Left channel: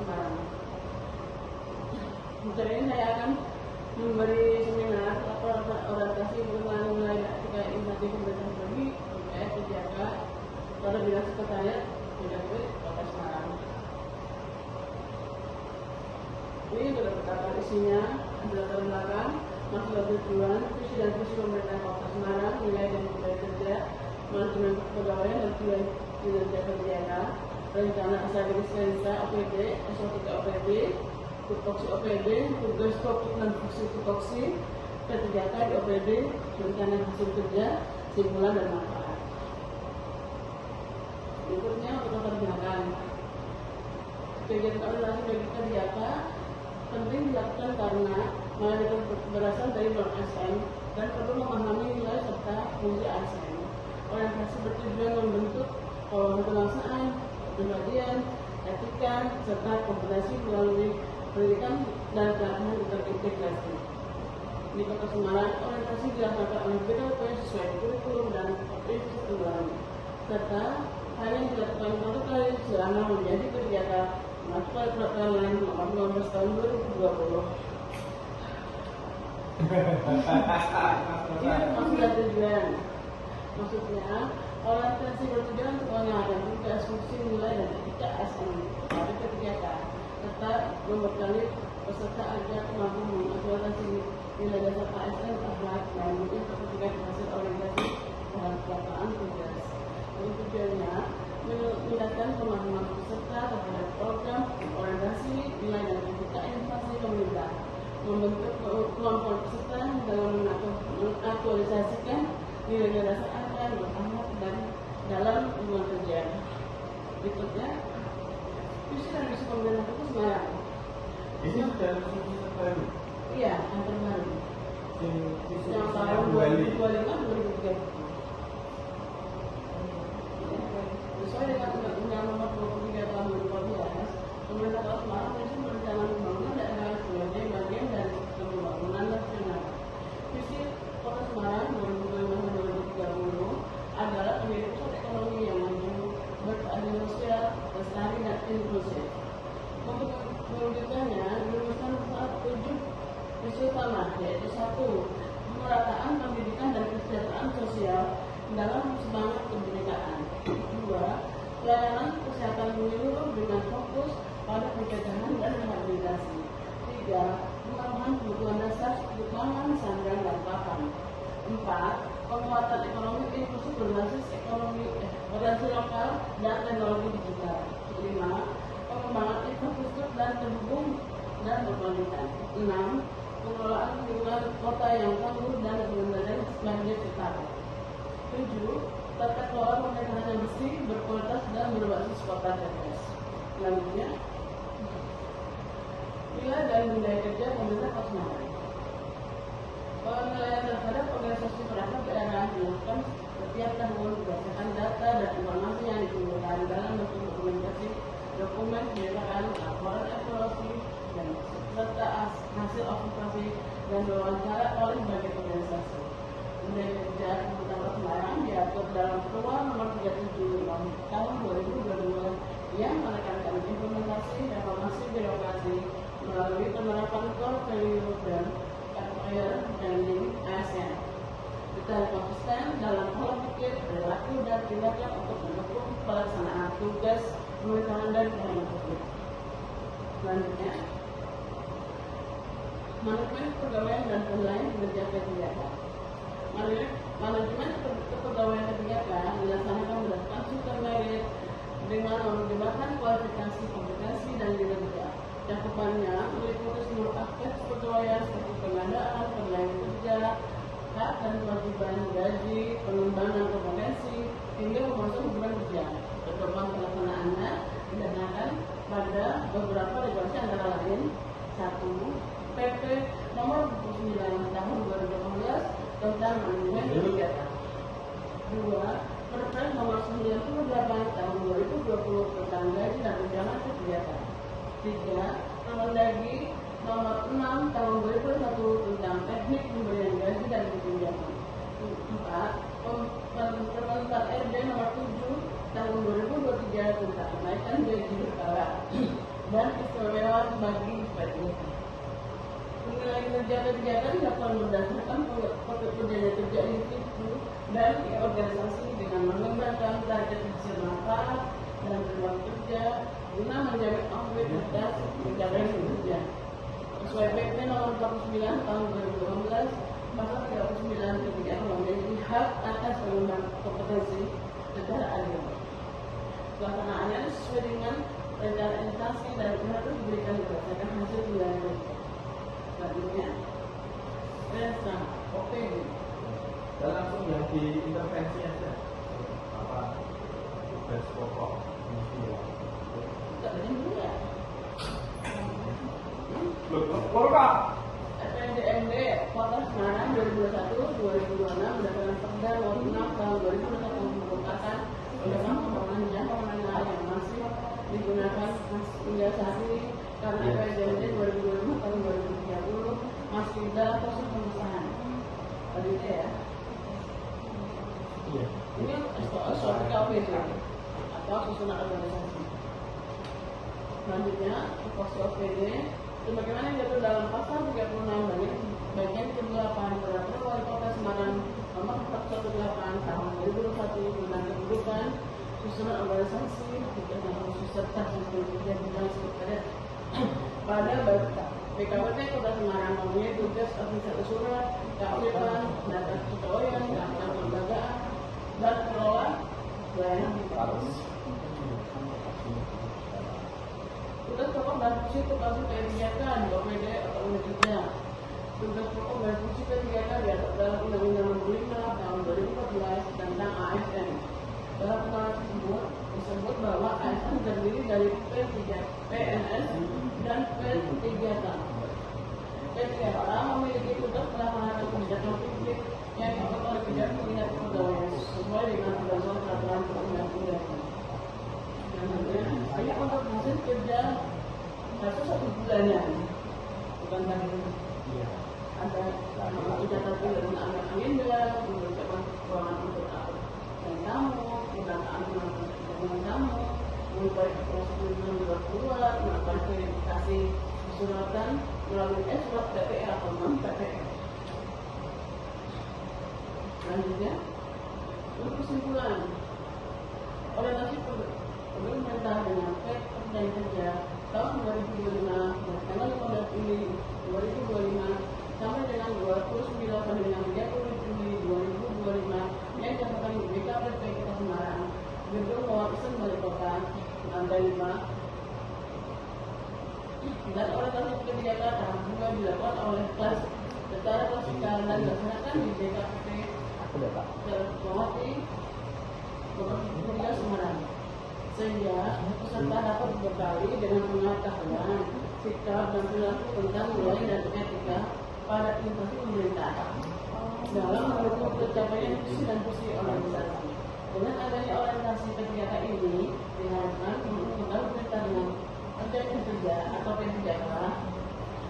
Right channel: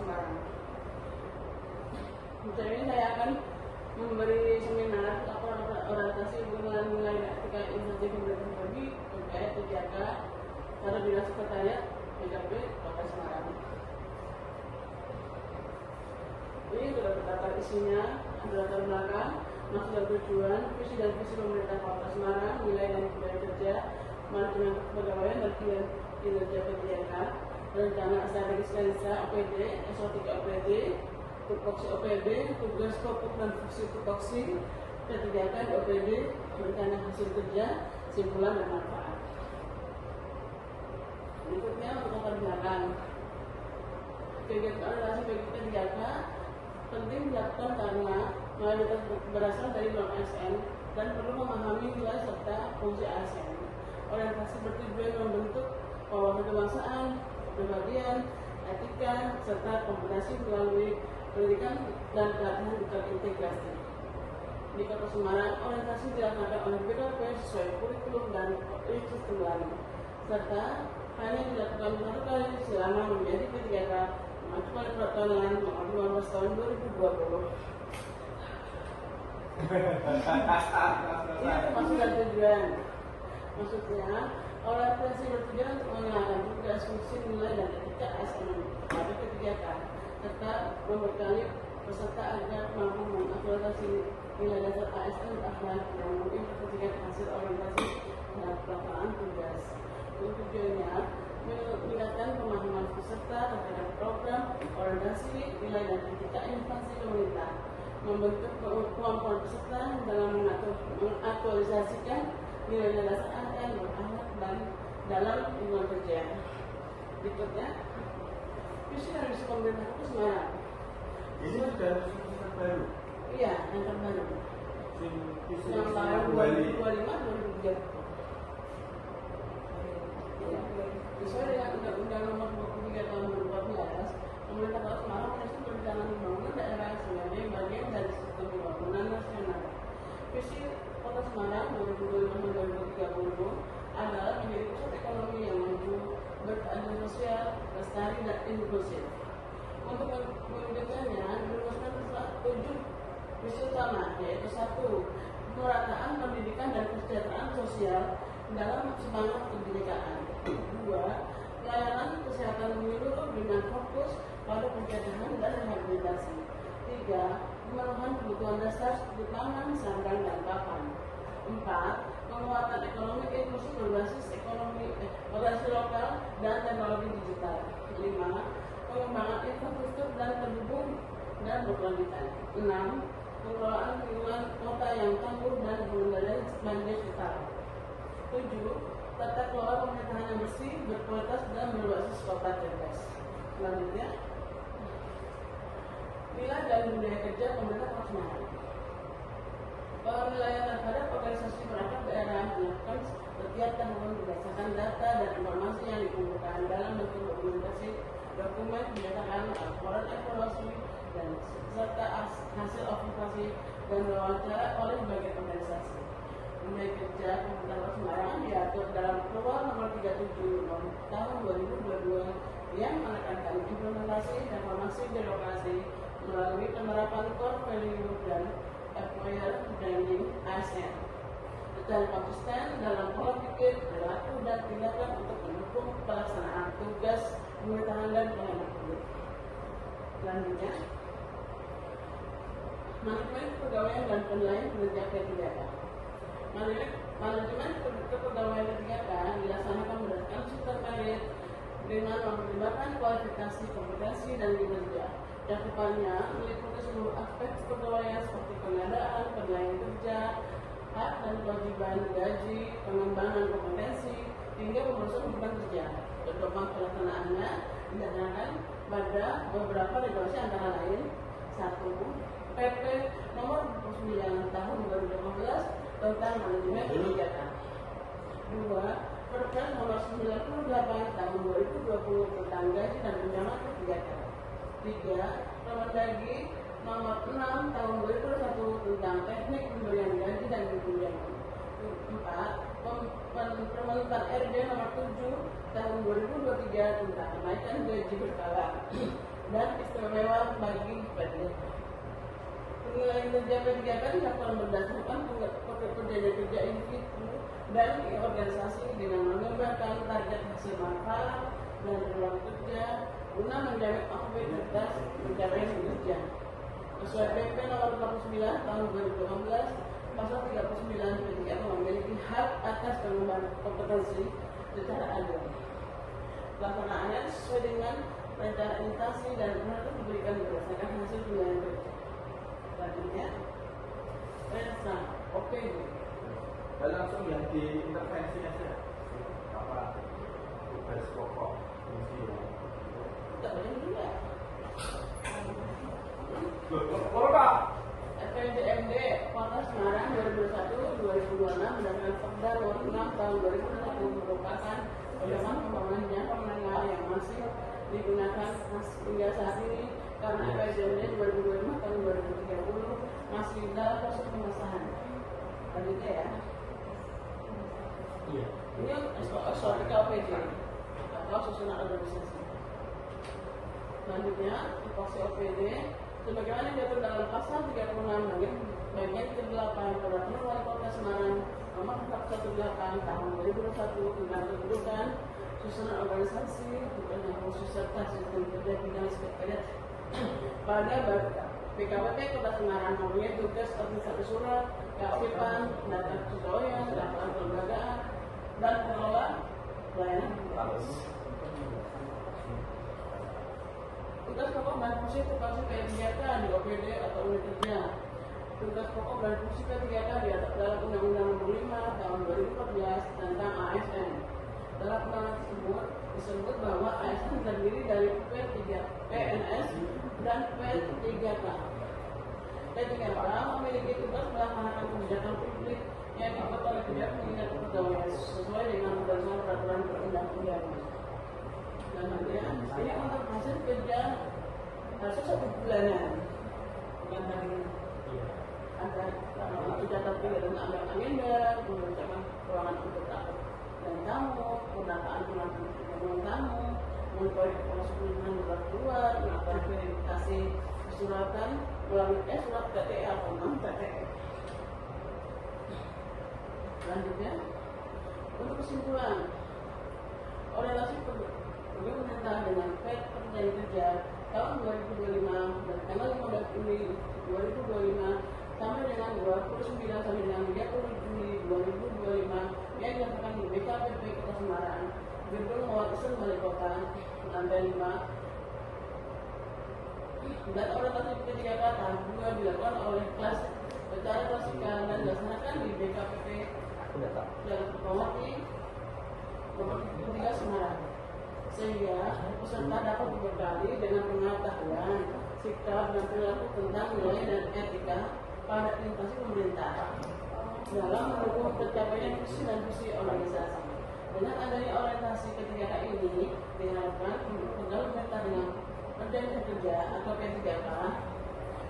Semarang. Hari ini saya akan memberi seminar orientasi pengenalan nilai etika instansi pemerintah bagi terkait penjaga pada Dinas Sekretariat Mendagri Kota Semarang. Ini sudah berkata isinya, latar belakang, maksud dan tujuan, visi dan visi pemerintah Kota Semarang, nilai dan budaya kerja, manajemen kepegawaian dan kinerja kegiatan, rencana SADRIS-Lensa OPD, SO3 OPD, tupoksi OPD, tugas pokok dan fungsi tupoksi, kegiatan di OPD, rencana hasil kerja, simpulan dan manfaat. Berikutnya untuk latar belakang. Kegiatan organisasi bagi kegiatan penting dilakukan karena mayoritas berasal dari non-ASN dan perlu memahami nilai serta fungsi ASN. Orientasi bertujuan membentuk wawasan kebangsaan, kepribadian, etika, serta kompetensi melalui pendidikan dan pelatihan terintegrasi. Di Kota Semarang, orientasi dilaksanakan oleh BKP sesuai kurikulum dan sistem lain, serta hanya dilakukan satu kali selama menjadi kegiatan masuk pada peraturan lain nomor 15 tahun 2020. Ini maksud dan tujuan. Maksudnya, orientasi bertujuan untuk mengenalkan tugas, fungsi, nilai, dan etika ASN pada kegiatan, serta membekali peserta agar mampu mengaktualisasi nilai dasar ASN akhlak yang mengintegrasikan hasil orientasi dalam pelaksanaan tugas. Tujuannya meningkatkan pemahaman peserta terhadap program orientasi nilai dan etika instansi pemerintah, membentuk kemampuan peserta dalam mengaktualisasikan nilai dasar ASN beranak dan dalam lingkungan kerja. Berikutnya, visi dan misi pemerintah Kota Semarang. Ini sudah visi terbaru? Iya, yang terbaru. Yang tahun 2025-2030. Sesuai dengan Undang-Undang Nomor 23 Tahun 2012, pemerintah Kota Semarang prinsip berencana membangun daerah sebagai bagian dari sistem pembangunan nasional. Visi Kota Semarang 2025-2030 adalah menjadi pusat ekonomi yang maju, berkeadilan sosial, lestari dan inklusif. Untuk mewujudkannya, dirumuskan 7 visi utama, yaitu 1. Pemerataan pendidikan dan kesejahteraan sosial dalam semangat kebinekaan. 2. Pelayanan kesehatan menyeluruh dengan fokus pada pencegahan dan rehabilitasi. 3. Pemenuhan kebutuhan dasar seperti pangan, sandang, dan papan. 4. Penguatan ekonomi inklusif berbasis organisasi lokal dan teknologi digital. 5. Pengembangan infrastruktur dan terhubung dan berkelanjutan. 6. Pengelolaan lingkungan kota yang tangguh dan mengendalikan banjir setara. 7. Tata kelola pemerintahan yang bersih, berkualitas dan berbasis kota cerdas. Selanjutnya, nilai dan budaya kerja pemerintah Kota Semarang. Penilaian terhadap organisasi perangkat daerah dilakukan setiap tahun berdasarkan data dan informasi yang dikumpulkan dalam bentuk dokumentasi, dokumen pendataan, laporan evaluasi, dan serta hasil observasi dan wawancara oleh berbagai organisasi. Budaya kerja pemerintah Kota Semarang diatur dalam Peraturan Nomor 37 Tahun 2022 yang menekankan implementasi reformasi birokrasi melalui penerapan core value dan employer branding ASN. Kita konsisten dalam pola pikir, perilaku dan tindakan untuk mendukung pelaksanaan tugas pemerintahan dan pelayanan publik. Selanjutnya, manajemen kepegawaian dan penilaian kinerja kegiatan. Manajemen kepegawaian kegiatan dilaksanakan berdasarkan sistem merit dengan mempertimbangkan kualifikasi, kompetensi, dan kinerja. Cakupannya meliputi seluruh aspek kepegawaian seperti pengadaan, penilaian kerja, hak dan kewajiban, gaji, pengembangan kompetensi, hingga memasuk beban kerja. Program pelaksanaannya didasarkan pada beberapa regulasi antara lain: 1. PP Nomor 29 Tahun 2015 tentang manajemen kegiatan. 2. Perpres Nomor 98 Tahun 2020 tentang gaji dan tunjangan kegiatan. 3. Permendagri Nomor 6 Tahun 2021 tentang teknik pemberian gaji dan tunjangan. 4. Permentan RB Nomor 7 Tahun 2023 tentang kenaikan gaji berkala. 5. dan istimewa bagi PTK. Penilaian kerja P3K dilakukan berdasarkan kerja individu dan organisasi dengan mengembangkan target hasil manfaat dan jumlah kerja guna menjamin efektivitas pencapaian kerja. Sesuai PP nomor 49 tahun 2018 pasal 39 ketika memiliki hak atas pengembangan kompetensi secara adil. Pelaksanaannya sesuai dengan rencana instansi dan harus diberikan berdasarkan hasil penilaian kerja. Selanjutnya, rencana OPD. Dan langsung yang diintervensinya saja. Apa tugas pokok fungsi? Tidak boleh juga. Betul Pak. FNDMD Kota Semarang 2021-2026 berdasarkan Perda Nomor 6 Tahun 2021 merupakan pedoman pembangunan jangka menengah yang masih digunakan hingga saat ini karena FNDMD 2025 tahun 2030 masih dalam proses pengesahan. Tadi ya. Iya. Ini SOPKPD atau susunan organisasi. Selanjutnya, SOPD sebagaimana diatur dalam pasal 36 bagian ke-8 Peraturan Wali Kota Semarang Nomor 418 Tahun 2021 tentang kependudukan, susunan organisasi, tentang khusus serta sistem kerja bidang sekretariat pada PKWT Kota Semarang mempunyai tugas administrasi surat, kearifan, data kepegawaian, daftar kelembagaan, dan pengelola pelayanan publik. Tugas pokok dan fungsi termasuk P3K di OPD atau unit kerja. Tugas pokok dan fungsi P3K diatur dalam Undang-Undang Nomor 5 Tahun 2014 tentang ASN. Dalam undang-undang tersebut disebut bahwa ASN terdiri dari P3, PNS dan P3K. P3K memiliki tugas melaksanakan kebijakan publik yang diatur oleh Dinas Kepegawaian sesuai dengan ketentuan peraturan perundang-undangan. Ini untuk hasil kerja hasil 1 bulannya, bukan tadi ada tidak terpilih dan ada agenda, mengucapkan keuangan untuk apa dan tamu, pendataan pendampingan tamu, mengetahui prosedur yang dibuat keluar, melakukan verifikasi kesuratan melalui surat KPR atau non KPR. Selanjutnya, untuk kesimpulan, orientasi pemerintah dengan perjanjian kerja tahun 2025 dan tanggal 15 Juli 2025 sampai dengan 29 sampai dengan 30 Juli 2025 yang dilaksanakan di BKPP Kota Semarang, Gedung Wawasan Balai Kota, lantai 5, dan orientasi P3K tahap 2 dilakukan oleh kelas secara klasikal dan dilaksanakan di BKPP Kawati Kota Semarang, sehingga peserta dapat berbekali dengan pengetahuan, sikap dan perilaku tentang nilai dan etika pada instansi pemerintah dalam mendukung tercapainya visi dan visi organisasi. Dengan adanya orientasi P3K ini diharapkan pegawai pemerintah dengan perjanjian kerja atau P3K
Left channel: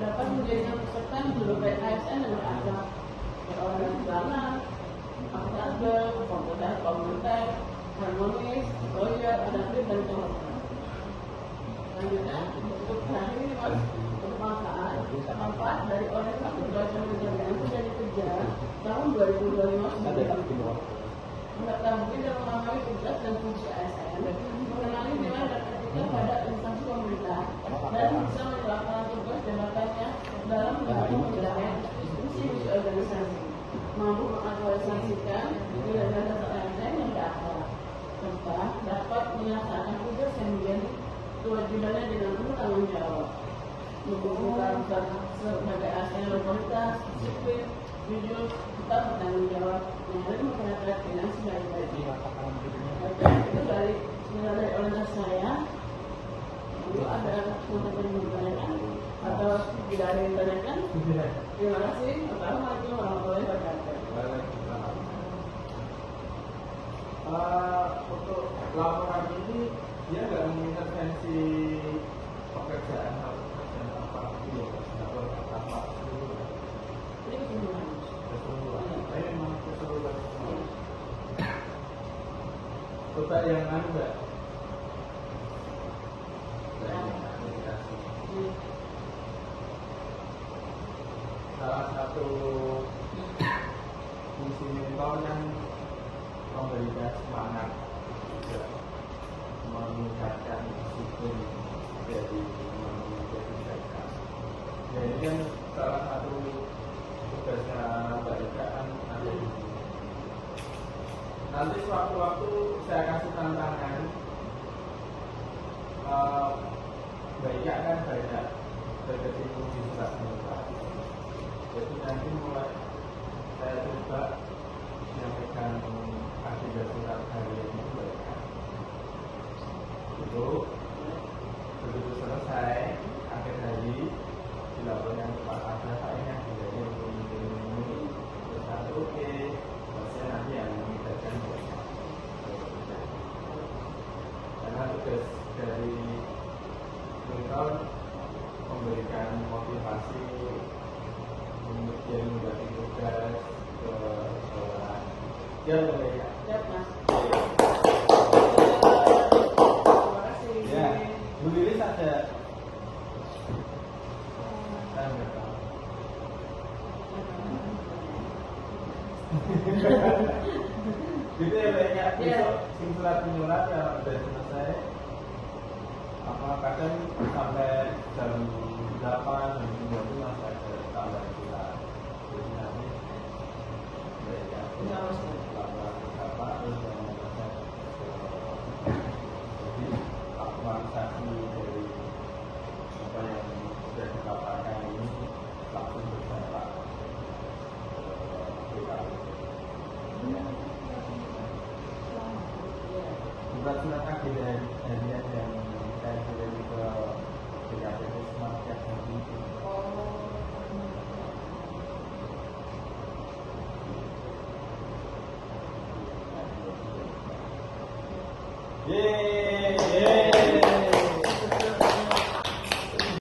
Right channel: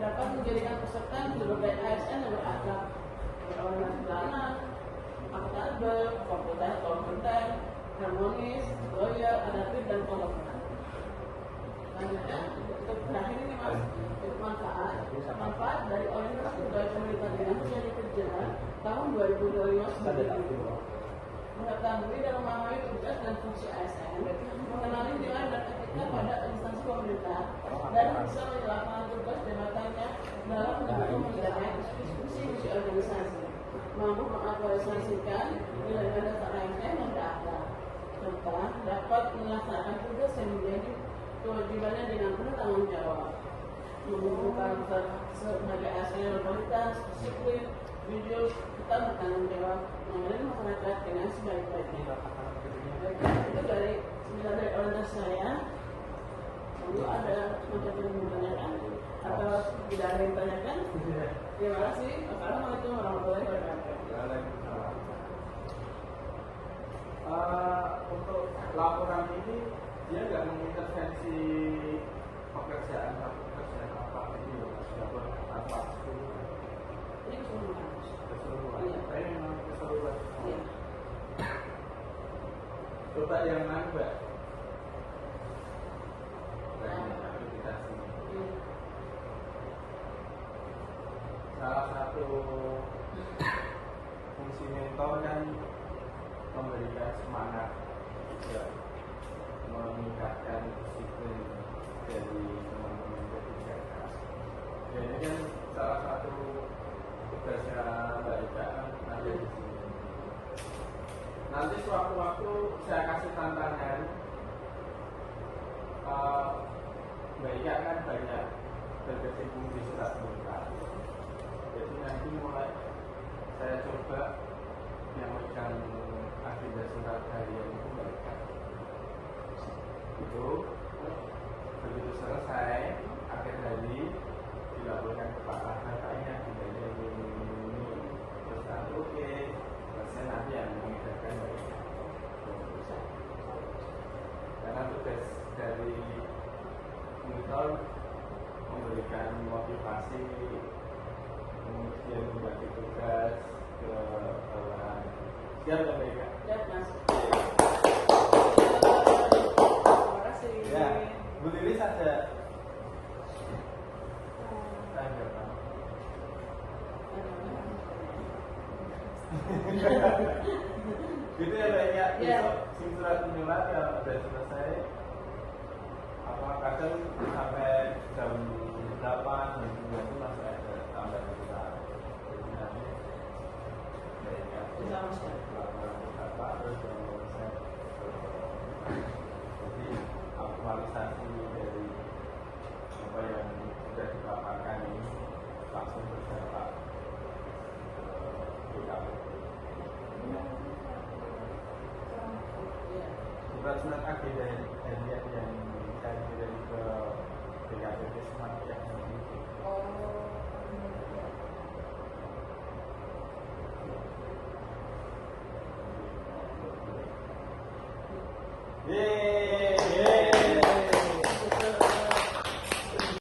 dapat menjadikan peserta sebagai ASN yang berakhlak, berorganisasi, akuntabel, kompeten, harmonis, loyal, adaptif, dan toleran. Selanjutnya, untuk terakhir ini mas, manfaat dari orientasi pegawai pemerintah dengan perjanjian kerja tahun 2025 sebagai berikut: mengetahui dan memahami tugas dan fungsi ASN, mengenali nilai dan etika pada instansi pemerintah, dan bisa melaksanakan tugas jabatannya dalam mendukung pencapaian visi organisasi, mampu mengaktualisasikan nilai-nilai ASN yang berakhlak, serta dapat melaksanakan tugas yang menjadi kewajibannya dengan penuh tanggung jawab, membutuhkan sebagai ASN yang berkualitas, disiplin, jujur, tetap bertanggung jawab, melayani masyarakat dengan sebaik-baiknya. Oke, itu dari orientasi saya. Lalu ada semacam yang ditanyakan atau tidak ada yang ditanyakan? Terima kasih. Assalamualaikum warahmatullahi wabarakatuh. Untuk laporan ini dia nggak mengintervensi pekerjaan atau pekerjaan apa gitu, apa Ini kesimpulan. Ini memang keseluruhan. Coba yang anu mbak. satu fungsi mentor kan memberikan semangat juga meningkatkan disiplin dari teman-teman JPJK. Dan ini kan salah satu tugasnya Mbak Eka kan ada di sini. Nanti sewaktu-waktu saya kasih tantangan, Mbak Eka kan banyak berkecimpung di surat muka. Jadi nanti mulai saya coba menyampaikan agenda surat harian itu Mbak Eka. Itu begitu selesai akhir hari dilaporkan ke Pak Adnan, Pak ini agendanya ini terus nanti oke, saya nanti yang mengingatkan karena tugas dari mentor memberikan motivasi, kemudian membagi tugas ke orang. Ya, ya. Ya, Mas. Terima kasih. Ya, Bu Lilis ada tanda Pak. Gitu ya Mbak Eka, besok surat menyurat kalau sudah selesai apa kadang sampai jam 8 jam 9 itu masih ada tambahan surat. Jadi nanti Mbak Eka laporan ke Bapak terus selesai. Jadi aktualisasi dari apa yang sudah ditawarkan ini langsung berdampak ke DKP. Surat-surat agenda harian yang saya kirim ke DKP semacam itu. Yeay.